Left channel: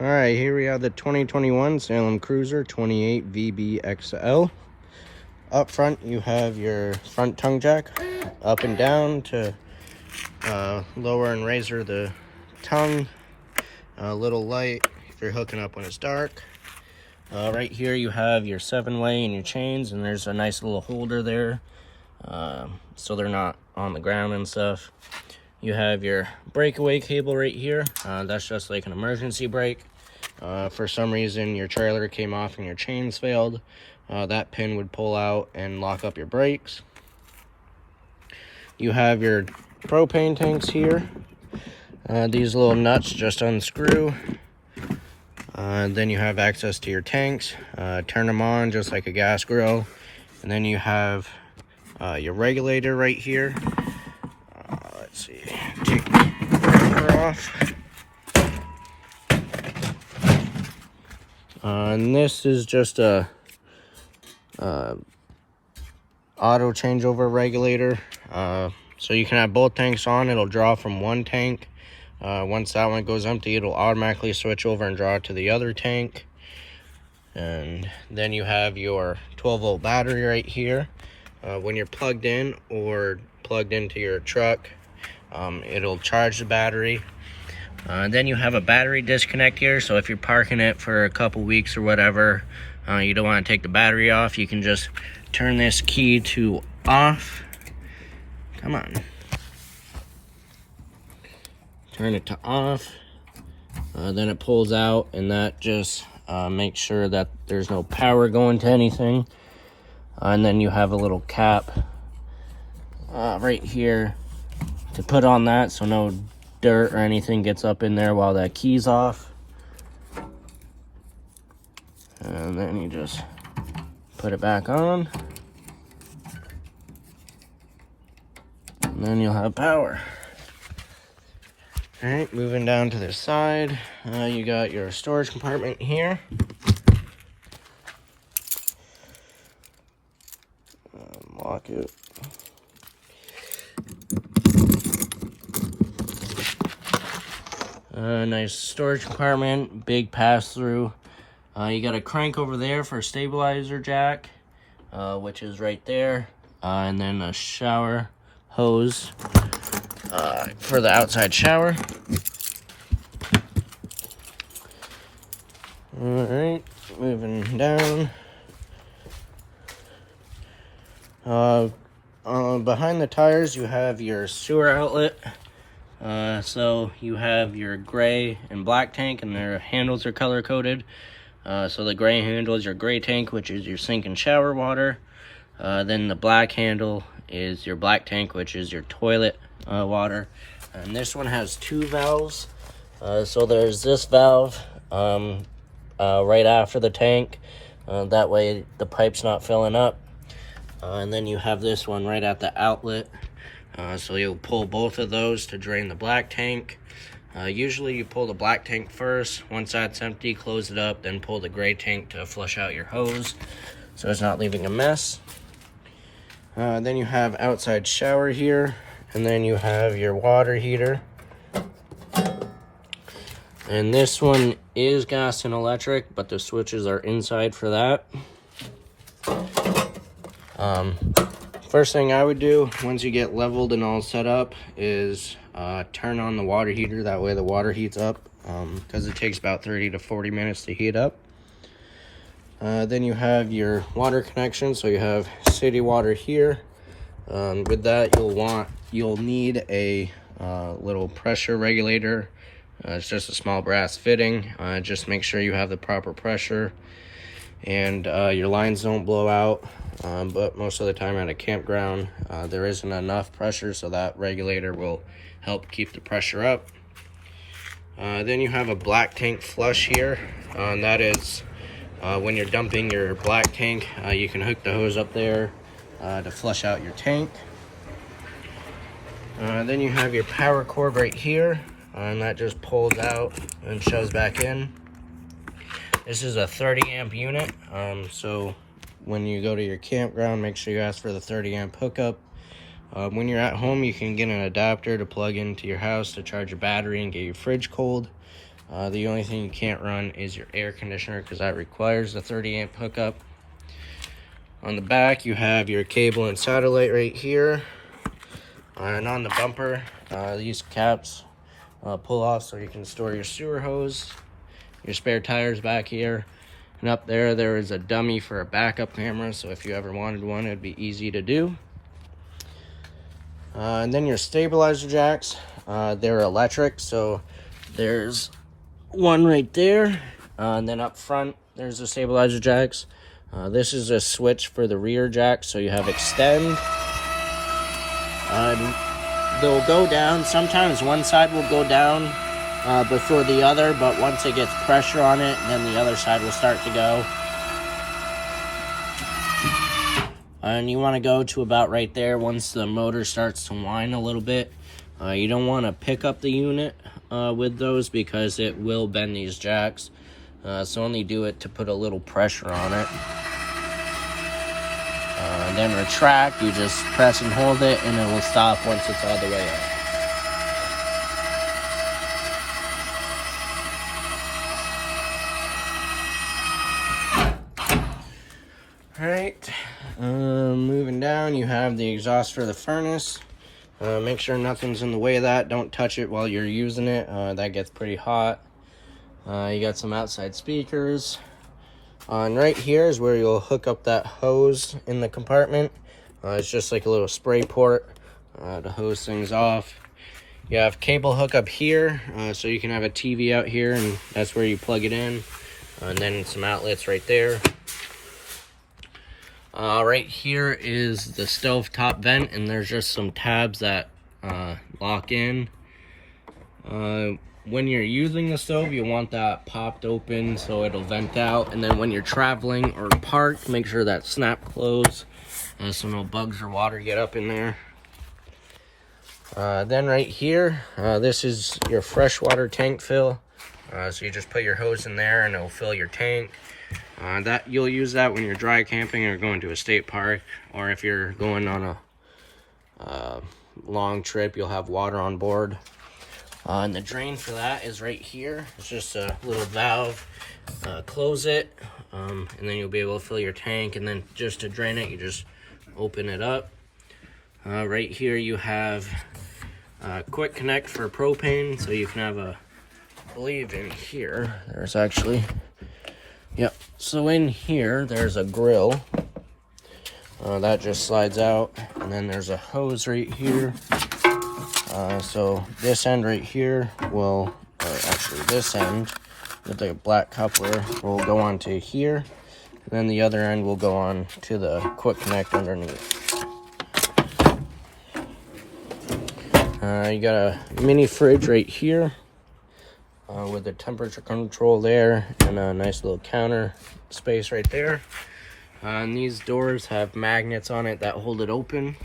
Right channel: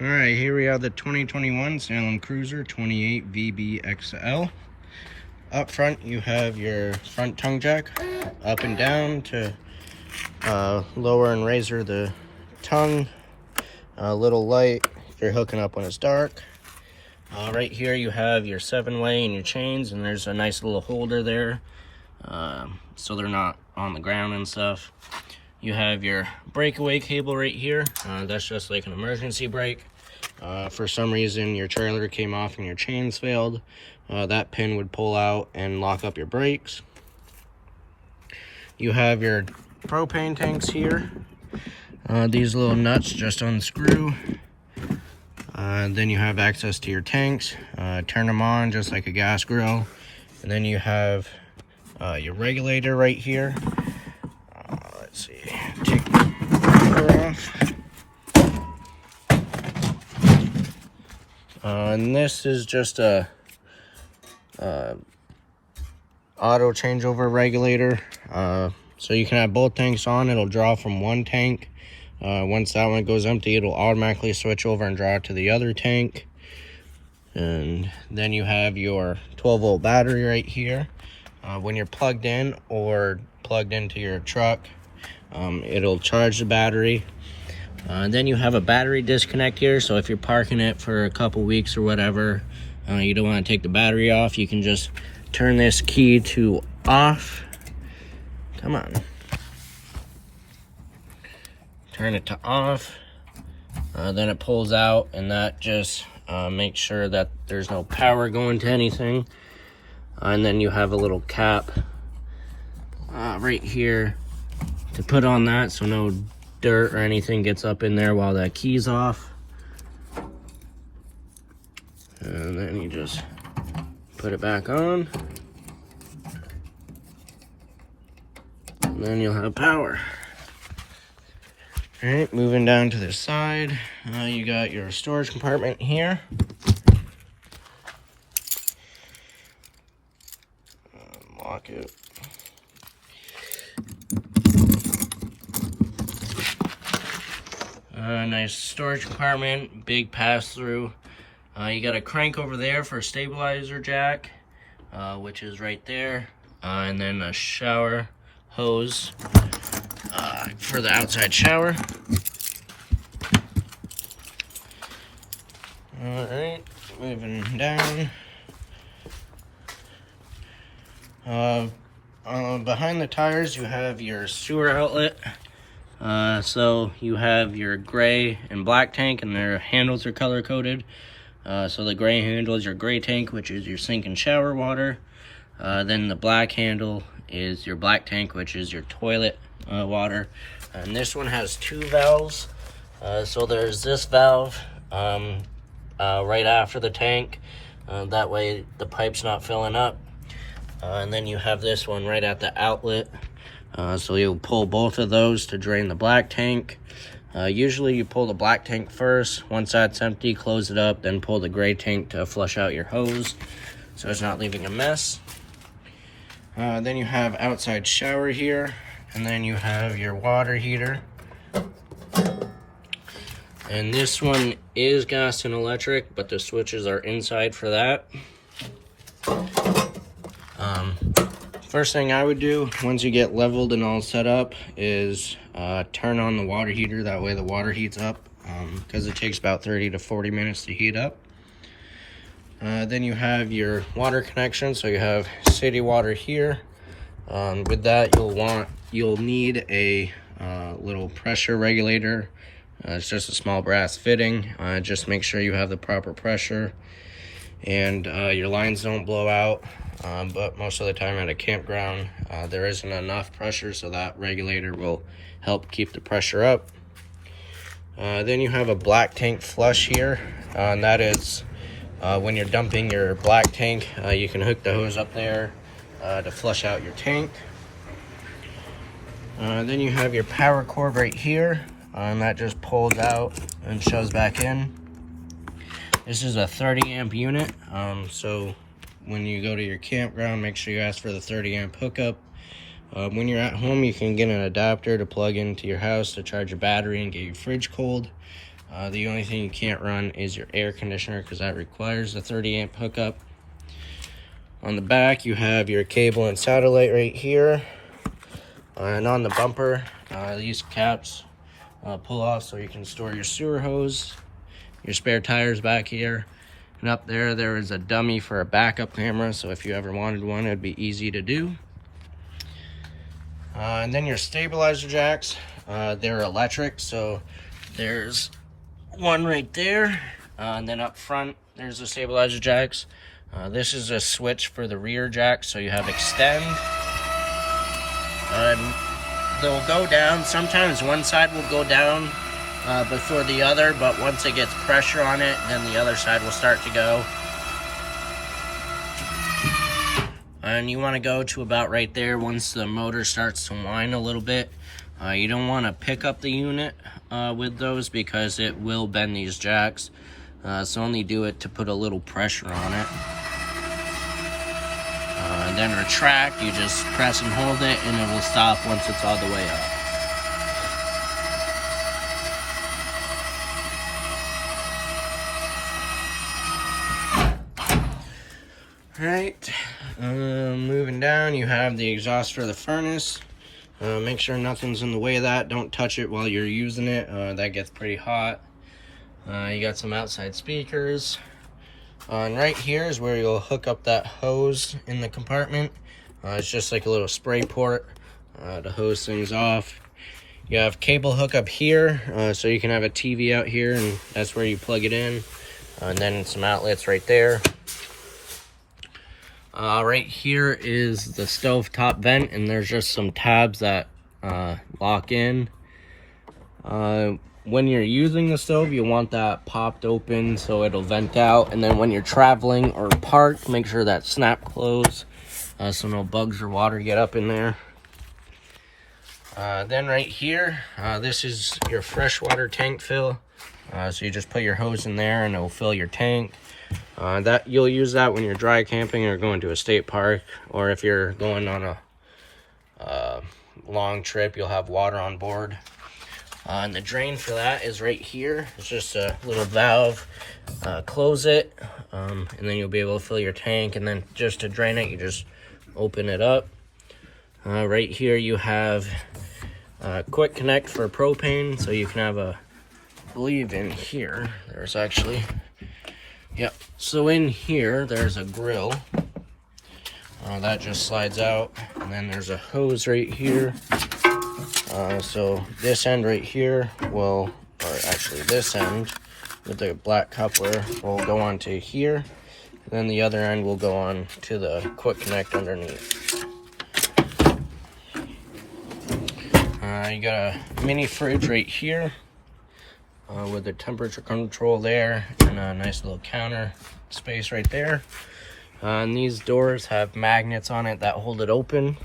All right, here we have the 2021 Salem Cruiser 28 VBXL. Up front, you have your front tongue jack, up and down to lower and raise the tongue. A little light if you're hooking up when it's dark. Right here, you have your 7-way and your chains, and there's a nice little holder there, so they're not on the ground and stuff. You have your breakaway cable right here. That's just like an emergency brake. For some reason your trailer came off and your chains failed, that pin would pull out and lock up your brakes. You have your propane tanks here. These little nuts just unscrew. Then you have access to your tanks. Turn them on just like a gas grill. And then you have your regulator right here. Let's see, take the cover off. And this is just a auto changeover regulator. So you can have both tanks on. It'll draw from one tank. Once that one goes empty, it'll automatically switch over and draw to the other tank. And then you have your 12-volt battery right here. When you're plugged in or plugged into your truck, it'll charge the battery. Then you have a battery disconnect here, so if you're parking it for a couple weeks or whatever, you don't want to take the battery off, you can just turn this key to off. Come on. Turn it to off. Then it pulls out, and that just makes sure that there's no power going to anything. And then you have a little cap right here to put on that, so no dirt or anything gets up in there while that key's off. And then you just put it back on, and then you'll have power. All right, moving down to the side, you got your storage compartment here. Lock it. Nice storage compartment, big pass-through. You got a crank over there for a stabilizer jack, which is right there, and then a shower hose for the outside shower. All right, moving down. Behind the tires, you have your sewer outlet. So you have your gray and black tank, and their handles are color coded. So the gray handle is your gray tank, which is your sink and shower water. Then the black handle is your black tank, which is your toilet water. And this one has 2 valves. So there's this valve right after the tank. That way the pipe's not filling up. And then you have this one right at the outlet. So you'll pull both of those to drain the black tank. Usually you pull the black tank first. Once that's empty, close it up, then pull the gray tank to flush out your hose so it's not leaving a mess. Then you have outside shower here, and then you have your water heater. And this one is gas and electric, but the switches are inside for that. First thing I would do once you get leveled and all set up is turn on the water heater. That way the water heats up, because it takes about 30 to 40 minutes to heat up. Then you have your water connection. So you have city water here. With that, you'll need a little pressure regulator. It's just a small brass fitting. Just make sure you have the proper pressure and your lines don't blow out. But most of the time at a campground, there isn't enough pressure, so that regulator will help keep the pressure up. Then you have a black tank flush here, and that is when you're dumping your black tank, you can hook the hose up there to flush out your tank. Then you have your power cord right here, and that just pulls out and shoves back in. This is a 30 amp unit, so when you go to your campground, make sure you ask for the 30 amp hookup. When you're at home, you can get an adapter to plug into your house to charge your battery and get your fridge cold. The only thing you can't run is your air conditioner because that requires a 30 amp hookup. On the back, you have your cable and satellite right here. And on the bumper, these caps pull off so you can store your sewer hose, your spare tires back here. And up there, there is a dummy for a backup camera, so if you ever wanted one, it'd be easy to do. And then your stabilizer jacks, they're electric, so there's one right there. And then up front, there's the stabilizer jacks. This is a switch for the rear jack, so you have extend. They'll go down. Sometimes one side will go down before the other, but once it gets pressure on it, then the other side will start to go. And you want to go to about right there once the motor starts to whine a little bit. You don't want to pick up the unit with those because it will bend these jacks. So only do it to put a little pressure on it. And then retract, you just press and hold it and it will stop once it's all the way up. Alright, moving down, you have the exhaust for the furnace. Make sure nothing's in the way of that. Don't touch it while you're using it. That gets pretty hot. You got some outside speakers. And right here is where you'll hook up that hose in the compartment. It's just like a little spray port to hose things off. You have cable hookup here, so you can have a TV out here, and that's where you plug it in. And then some outlets right there. Right here is the stove top vent, and there's just some tabs that lock in. When you're using the stove, you want that popped open so it'll vent out, and then when you're traveling or parked, make sure that snap close so no bugs or water get up in there. Then right here, this is your freshwater tank fill. So you just put your hose in there and it'll fill your tank. That you'll use that when you're dry camping or going to a state park, or if you're going on a long trip, you'll have water on board. And the drain for that is right here. It's just a little valve. Close it, and then you'll be able to fill your tank. And then just to drain it, you just open it up. Right here you have a quick connect for propane, so you can have a, I believe in here, there's actually, yep. So in here, there's a grill. That just slides out. And then there's a hose right here. So this end right here will, or actually this end with the black coupler will go onto here. And then the other end will go on to the quick connect underneath. You got a mini fridge right here with a temperature control there and a nice little counter space right there. And these doors have magnets on it that hold it open.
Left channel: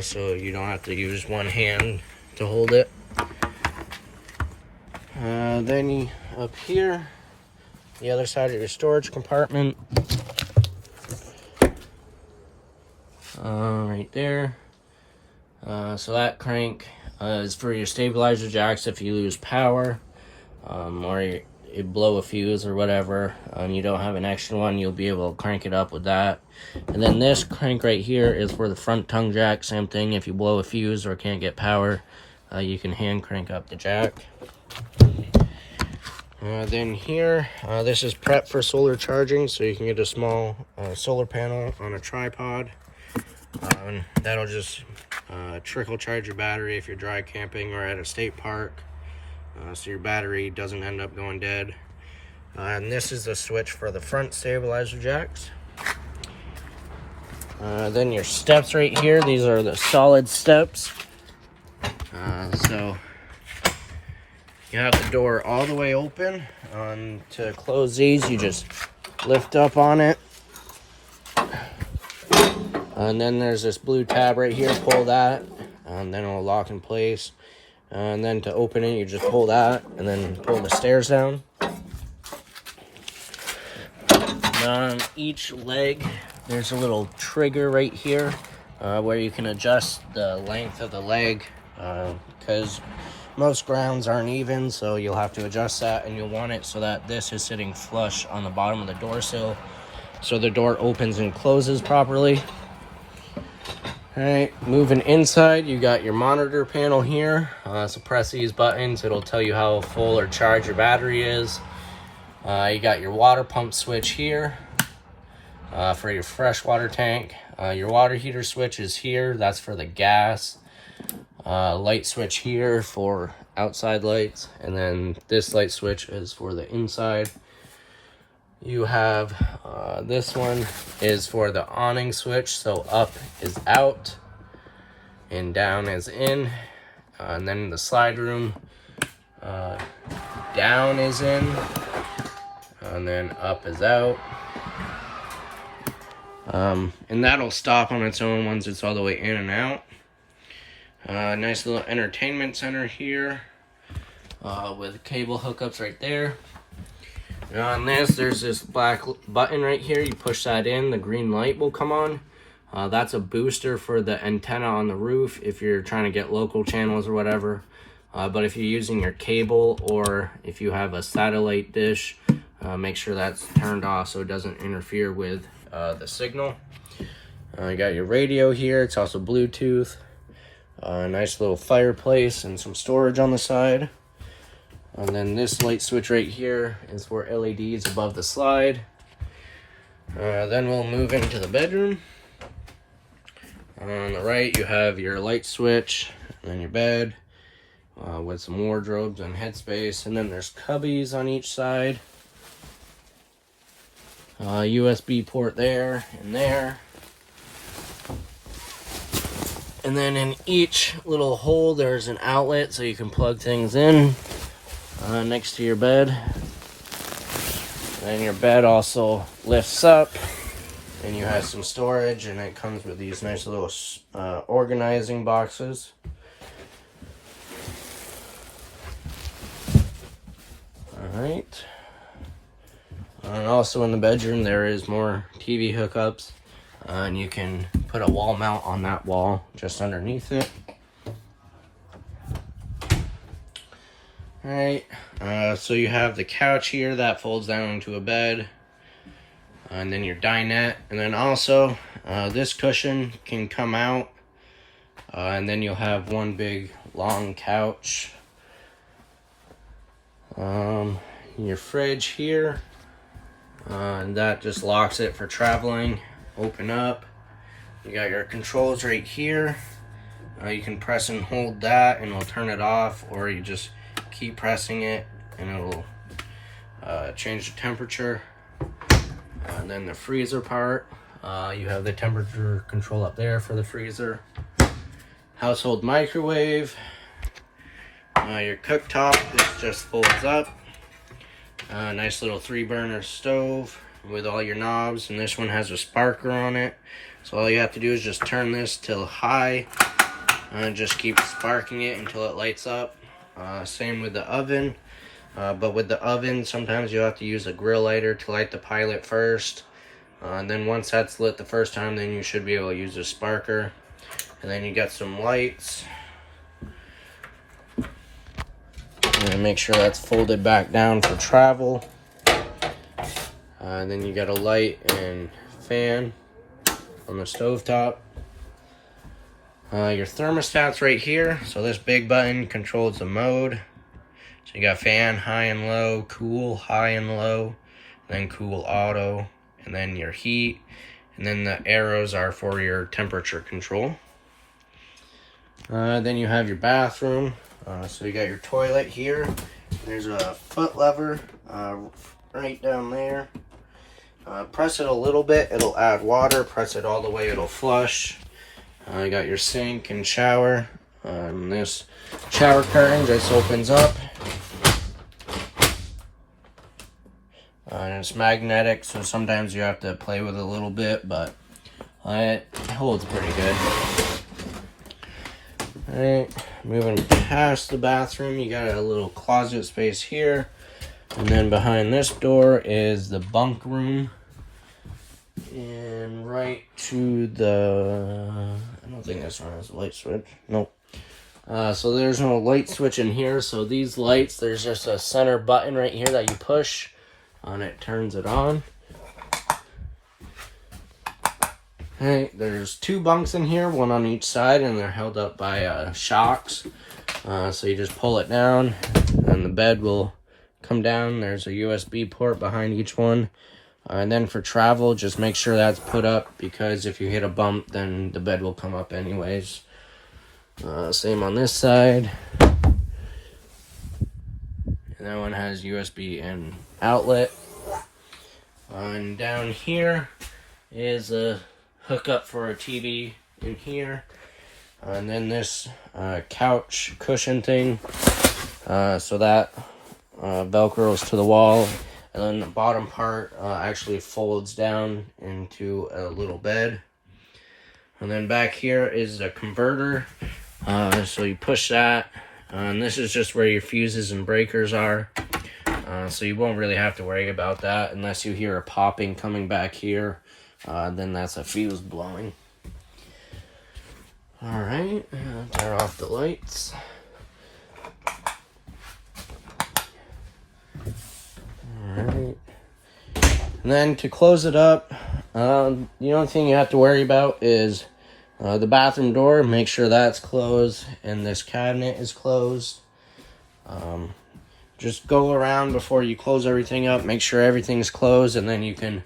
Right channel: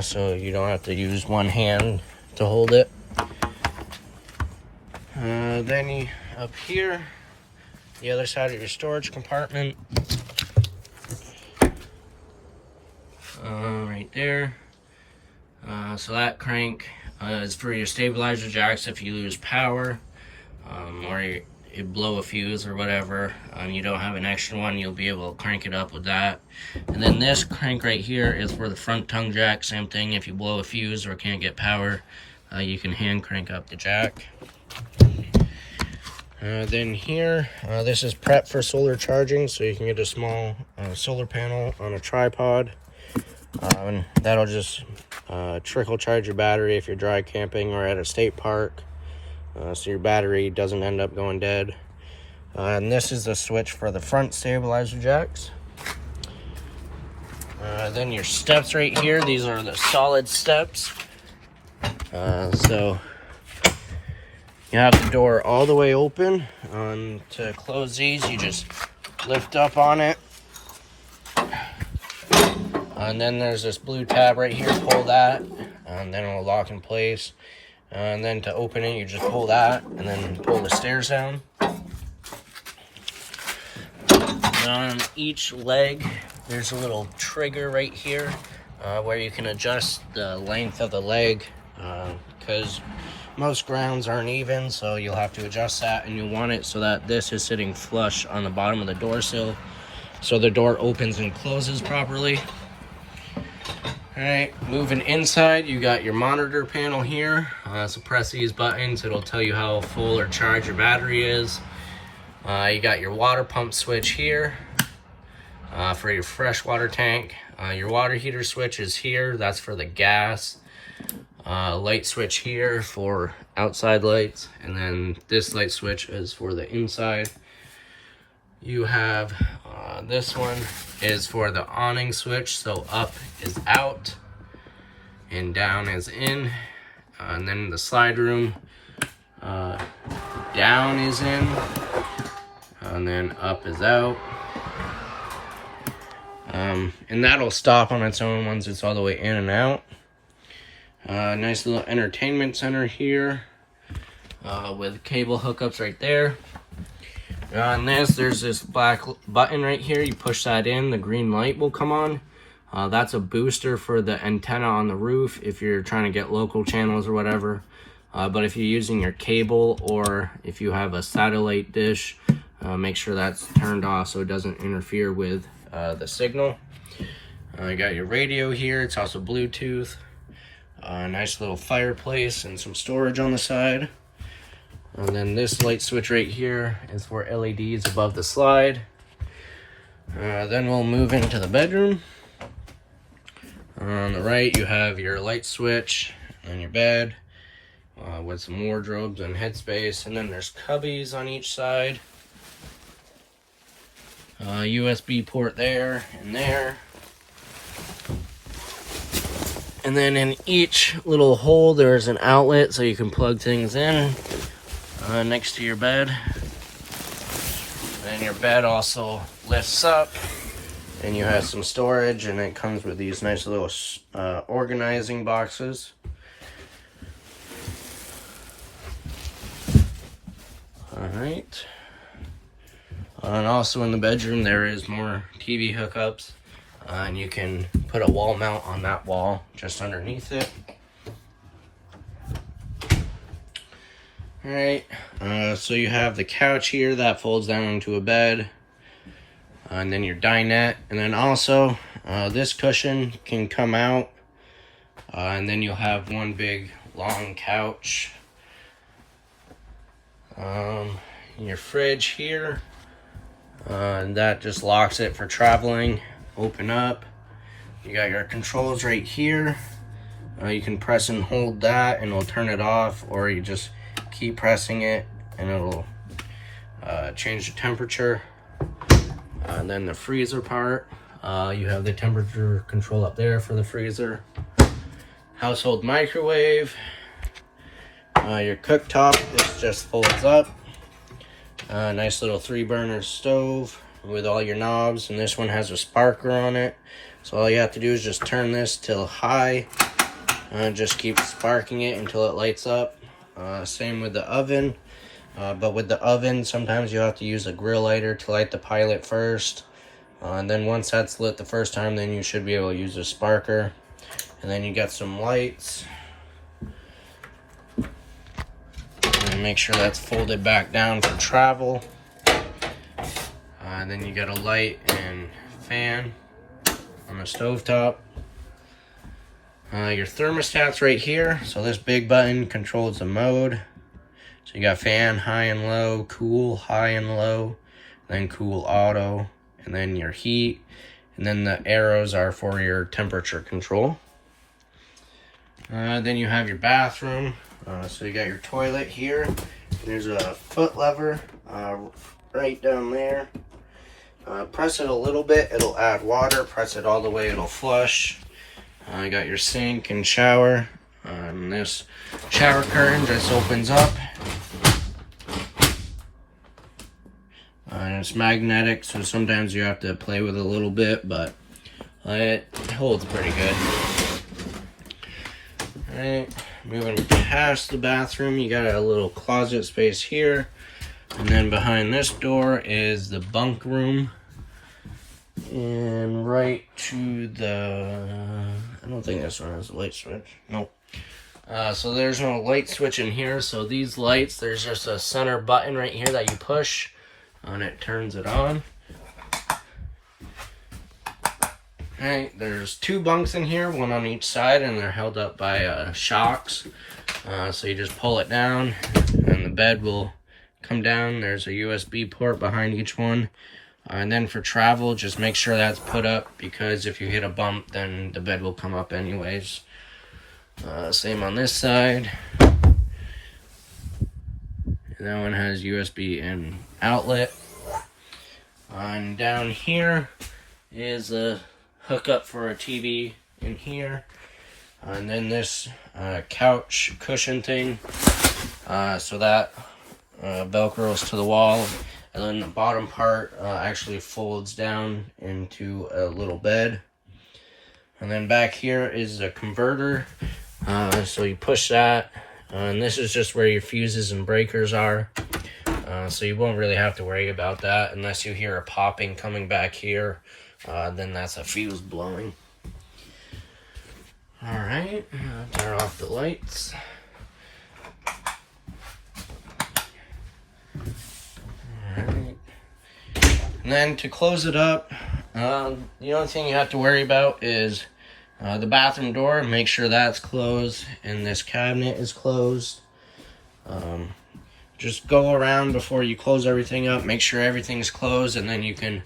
So you don't have to use one hand to hold it. Then up here, the other side of your storage compartment. Right there. So that crank is for your stabilizer jacks if you lose power, or you blow a fuse or whatever, you don't have an extra one, you'll be able to crank it up with that. And then this crank right here is for the front tongue jack. Same thing, if you blow a fuse or can't get power, you can hand crank up the jack. Then here, this is prep for solar charging, so you can get a small solar panel on a tripod. And that'll just trickle charge your battery if you're dry camping or at a state park. So your battery doesn't end up going dead. And this is the switch for the front stabilizer jacks. Then your steps right here, these are the solid steps. So you have the door all the way open. To close these, you just lift up on it. And then there's this blue tab right here, pull that, and then it'll lock in place. And then to open it, you just pull that, and then pull the stairs down. On each leg, there's a little trigger right here, where you can adjust the length of the leg, because most grounds aren't even, so you'll have to adjust that, and you'll want it so that this is sitting flush on the bottom of the door sill, so the door opens and closes properly. All right, moving inside, you got your monitor panel here. So press these buttons, it'll tell you how full or charged your battery is. You got your water pump switch here for your freshwater tank. Your water heater switch is here, that's for the gas. Light switch here for outside lights, and then this light switch is for the inside. You have this one is for the awning switch, so up is out and down is in. And then the slide room, down is in and then up is out. And that'll stop on its own once it's all the way in and out. Nice little entertainment center here with cable hookups right there. On this, there's this black button right here. You push that in, the green light will come on. That's a booster for the antenna on the roof if you're trying to get local channels or whatever. But if you're using your cable or if you have a satellite dish, make sure that's turned off so it doesn't interfere with the signal. You got your radio here. It's also Bluetooth. Nice little fireplace and some storage on the side. And then this light switch right here is for LEDs above the slide. Then we'll move into the bedroom. On the right, you have your light switch and your bed with some wardrobes and headspace. And then there's cubbies on each side. USB port there and there. And then in each little hole, there's an outlet so you can plug things in. Next to your bed. And your bed also lifts up and you have some storage, and it comes with these nice little organizing boxes. All right. And also in the bedroom there is more TV hookups, and you can put a wall mount on that wall just underneath it. Alright, so you have the couch here that folds down into a bed, and then your dinette, and then also this cushion can come out, and then you'll have one big long couch. Your fridge here, and that just locks it for traveling. Open up, you got your controls right here. You can press and hold that and it'll turn it off, or you just keep pressing it and it'll change the temperature. And then the freezer part, you have the temperature control up there for the freezer. Household microwave. Your cooktop, this just folds up. Nice little 3-burner stove with all your knobs, and this one has a sparker on it. So all you have to do is just turn this till high and just keep sparking it until it lights up. Same with the oven, but with the oven sometimes you have to use a grill lighter to light the pilot first, and then once that's lit the first time, then you should be able to use a sparker. And then you got some lights, and make sure that's folded back down for travel. Then you got a light and fan on the stovetop. Your thermostats right here. So this big button controls the mode. So you got fan, high and low, cool, high and low, then cool auto, and then your heat, and then the arrows are for your temperature control. Then you have your bathroom. So you got your toilet here. There's a foot lever right down there. Press it a little bit, it'll add water. Press it all the way, it'll flush. You got your sink and shower. And this shower curtain just opens up. And it's magnetic, so sometimes you have to play with it a little bit, but it holds pretty good. Alright, moving past the bathroom, you got a little closet space here. And then behind this door is the bunk room. And right to the, I don't think this one has a light switch. Nope. So there's no light switch in here. So these lights, there's just a center button right here that you push and it turns it on. Alright, there's 2 bunks in here, one on each side, and they're held up by shocks. So you just pull it down and the bed will come down. There's a USB port behind each one. And then for travel, just make sure that's put up, because if you hit a bump, then the bed will come up anyways. Same on this side. And that one has USB and outlet. And down here is a hookup for a TV in here. And then this couch cushion thing. So that velcros to the wall. And then the bottom part actually folds down into a little bed. And then back here is a converter. So you push that. And this is just where your fuses and breakers are. So you won't really have to worry about that unless you hear a popping coming back here. Then that's a fuse blowing. Alright, turn off the lights. Alright. And then to close it up, the only thing you have to worry about is the bathroom door. Make sure that's closed and this cabinet is closed. Just go around before you close everything up. Make sure everything's closed, and then you can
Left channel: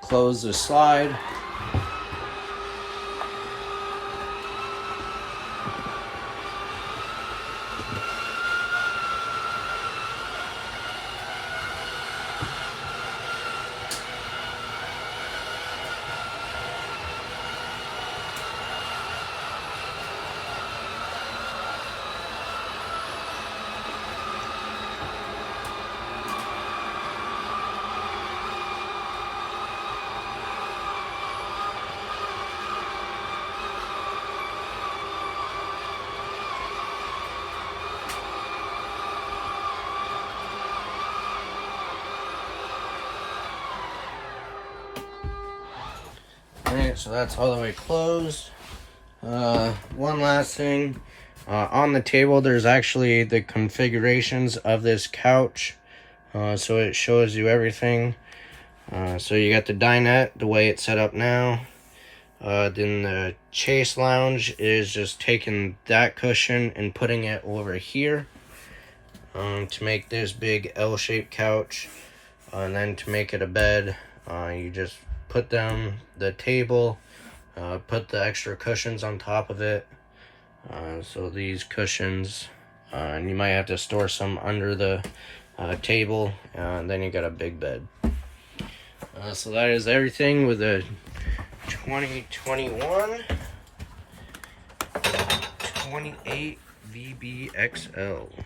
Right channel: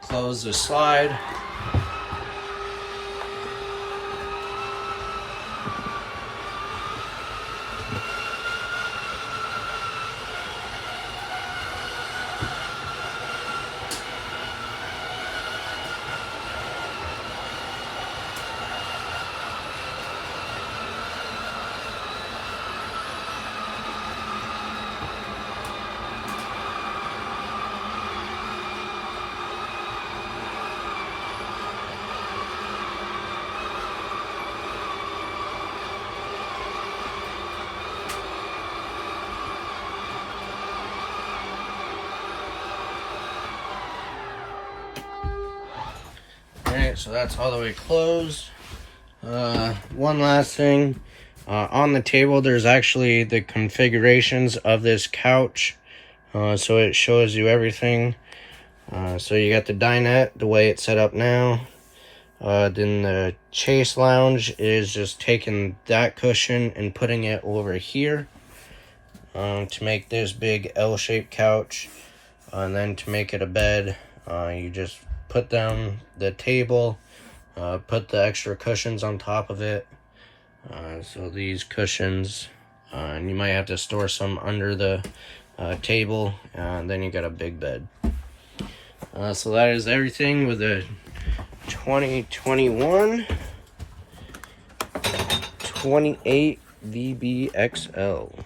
close the slide. Alright, so that's all the way closed. One last thing. On the table, there's actually the configurations of this couch. So it shows you everything. So you got the dinette, the way it's set up now. Then the chase lounge is just taking that cushion and putting it over here to make this big L-shaped couch. And then to make it a bed, you just put down the table, put the extra cushions on top of it. So these cushions, and you might have to store some under the table, and then you got a big bed. So that is everything with the 2021 28 VBXL.